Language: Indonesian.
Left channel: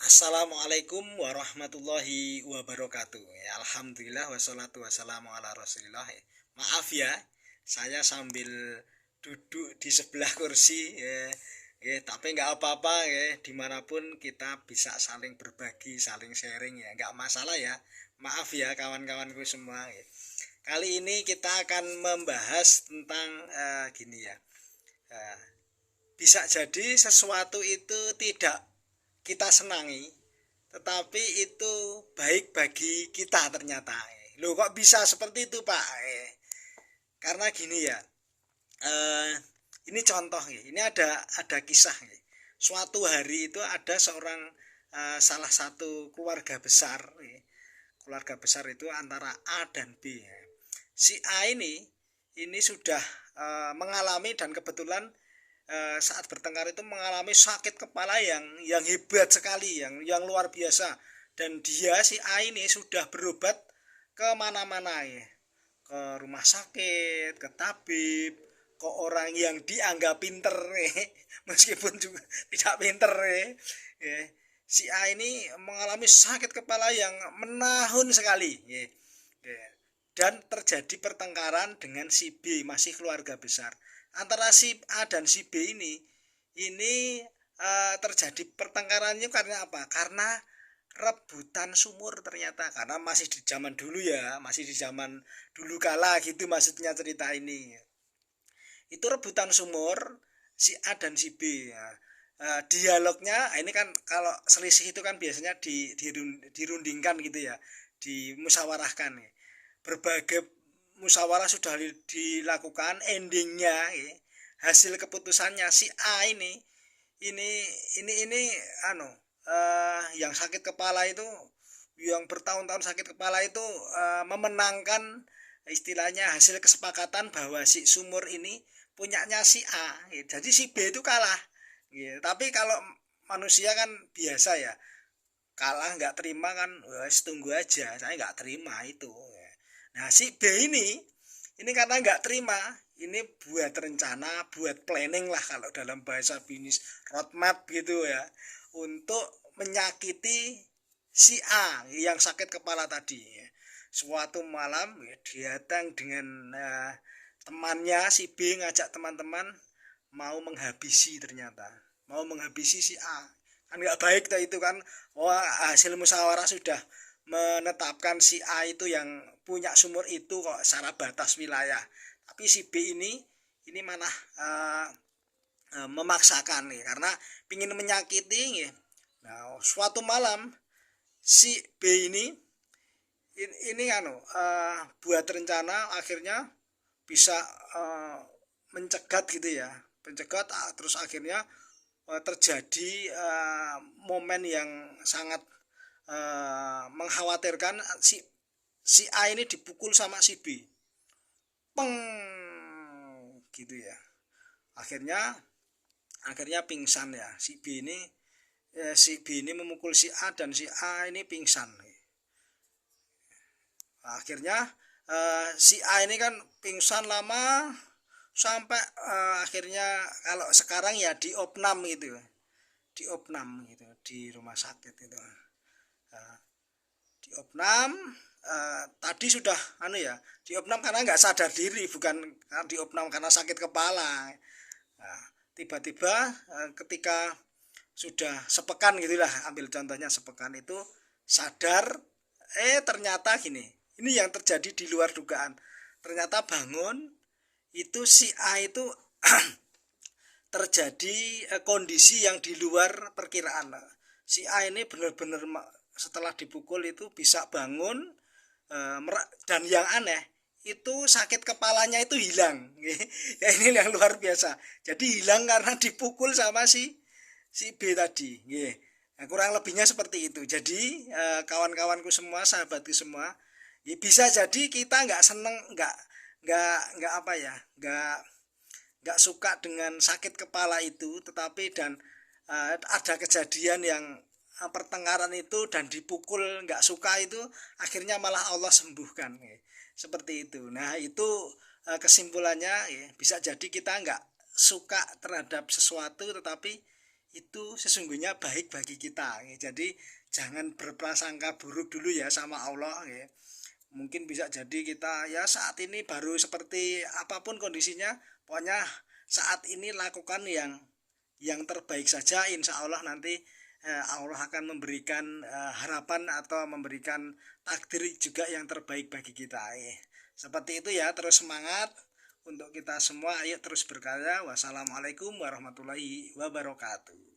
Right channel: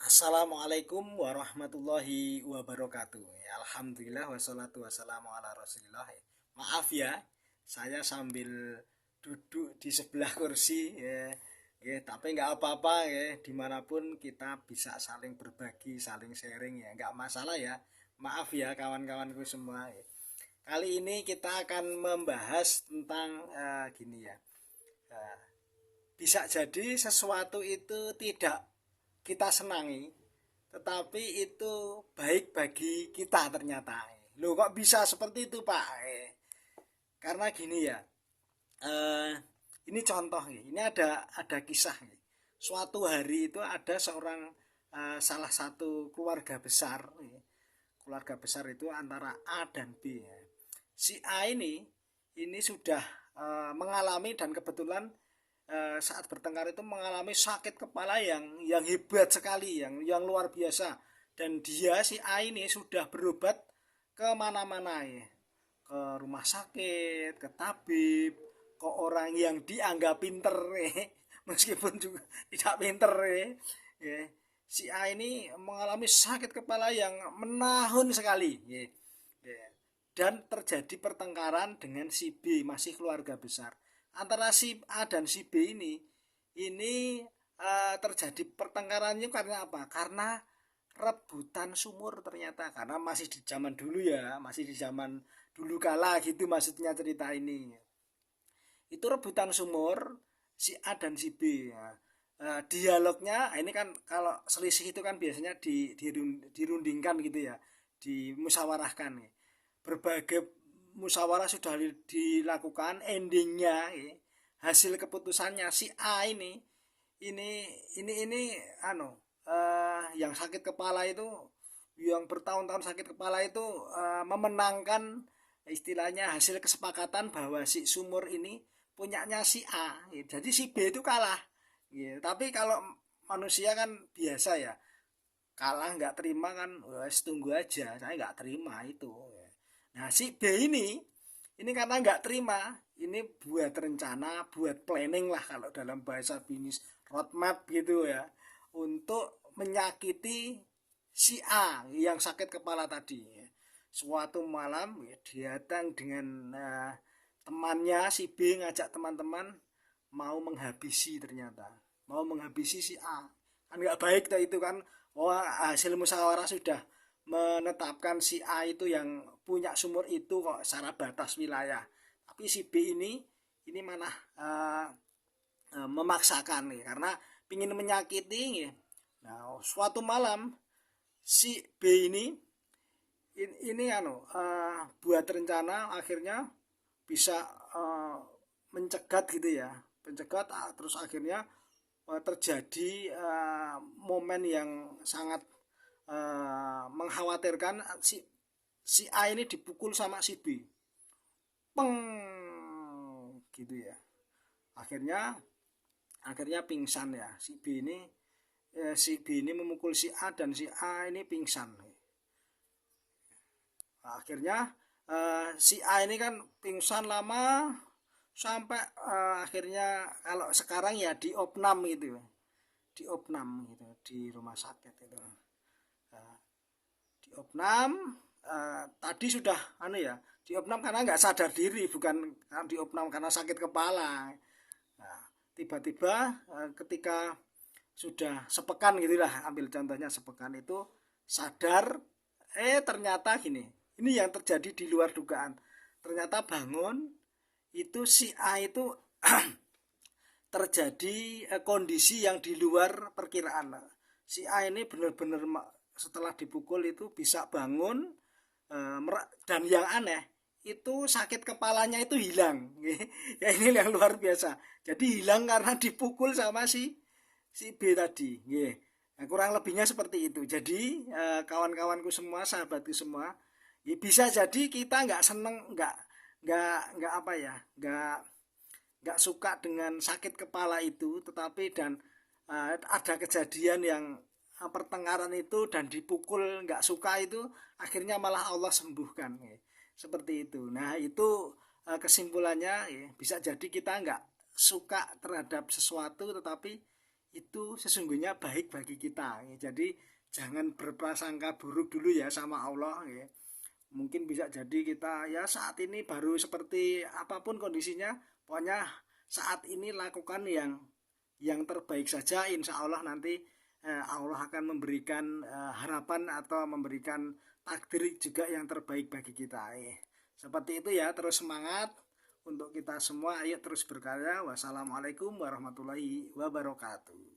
Assalamualaikum warahmatullahi wabarakatuh. Alhamdulillah wassalatu wassalamu ala Rasulillah. Maaf ya, saya sambil duduk di sebelah kursi tapi nggak apa-apa ya. Dimanapun kita bisa saling berbagi, saling sharing ya, nggak masalah ya. Maaf ya kawan-kawanku semua. Kali ini kita akan membahas tentang gini ya. Eh, Bisa jadi sesuatu itu tidak kita senangi, tetapi itu baik bagi kita ternyata. Loh kok bisa seperti itu Pak? Karena gini ya, eh, ini contoh ya. Ini ada kisah ya. Suatu hari itu ada seorang salah satu keluarga besar. Keluarga besar itu antara A dan B. Ya. Si A ini sudah mengalami dan kebetulan saat bertengkar itu mengalami sakit kepala yang hebat sekali, yang luar biasa. Dan dia si A ini sudah berobat ke mana-mana ya, ke rumah sakit, ke tabib, ke orang yang dianggap pinter meskipun juga tidak pinter ya. Si A ini mengalami sakit kepala yang menahun sekali ya. Dan terjadi pertengkaran dengan si B, masih keluarga besar. Antara si A dan si B ini terjadi pertengkarannya karena apa? Karena rebutan sumur ternyata, karena masih di zaman dulu ya, masih di zaman dulu kala gitu maksudnya cerita ini. Itu rebutan sumur si A dan si B ya. Dialognya ini kan kalau selisih itu kan biasanya dirundingkan gitu ya, dimusyawarahkan ya. Berbagai musyawarah sudah dilakukan, endingnya ya, hasil keputusannya si A ini ini yang sakit kepala itu, yang bertahun-tahun sakit kepala itu memenangkan, istilahnya hasil kesepakatan bahwa si sumur ini punyanya si A ya. Jadi si B itu kalah ya. Tapi kalau manusia kan biasa ya, kalah nggak terima kan, wes tunggu aja, saya nggak terima itu ya. Nah si B ini karena nggak terima, ini buat rencana, buat planning lah kalau dalam bahasa bisnis, roadmap gitu ya, untuk menyakiti si A yang sakit kepala tadi ya. Suatu malam ya, datang dengan temannya, si B ngajak teman-teman mau menghabisi, ternyata mau menghabisi si A. Kan nggak baik tuh itu kan. Wah, hasil musyawarah sudah menetapkan si A itu yang punya sumur itu kok secara batas wilayah. Tapi si B ini mana memaksakan nih karena ingin menyakiti nih. Nah, suatu malam si B ini buat rencana, akhirnya bisa mencegat gitu ya. Pencegat, terus akhirnya terjadi momen yang sangat mengkhawatirkan. Si A ini dipukul sama si B, peng gitu ya. Akhirnya pingsan ya si B ini. Si B ini memukul si A dan si A ini pingsan. Akhirnya si A ini kan pingsan lama sampai akhirnya kalau sekarang ya diopnam gitu, diopnam gitu di rumah sakit itu. Diopnam, tadi sudah diopnam karena nggak sadar diri, bukan diopnam karena sakit kepala. Nah, tiba-tiba ketika sudah sepekan gitulah, ambil contohnya sepekan itu sadar, ternyata gini, ini yang terjadi di luar dugaan. Ternyata bangun itu si A itu terjadi kondisi yang di luar perkiraan. Si A ini benar-benar setelah dipukul itu bisa bangun, dan yang aneh itu sakit kepalanya itu hilang. Ya ini yang luar biasa. Jadi hilang karena dipukul sama si B tadi. Nah, kurang lebihnya seperti itu. Jadi kawan-kawanku semua, sahabatku semua, ya bisa jadi kita nggak seneng, nggak apa ya, nggak suka dengan sakit kepala itu, tetapi dan ada kejadian yang pertengkaran itu dan dipukul nggak suka itu, akhirnya malah Allah sembuhkan seperti itu. Nah itu kesimpulannya bisa jadi kita nggak suka terhadap sesuatu, tetapi itu sesungguhnya baik bagi kita ya. Jadi jangan berprasangka buruk dulu ya sama Allah ya. Mungkin bisa jadi kita ya saat ini baru seperti apapun kondisinya, pokoknya saat ini lakukan yang terbaik saja. Insya Allah nanti Allah akan memberikan harapan atau memberikan takdir juga yang terbaik bagi kita. Seperti itu ya, terus semangat untuk kita semua. Ayo terus berkarya. Wassalamualaikum warahmatullahi wabarakatuh.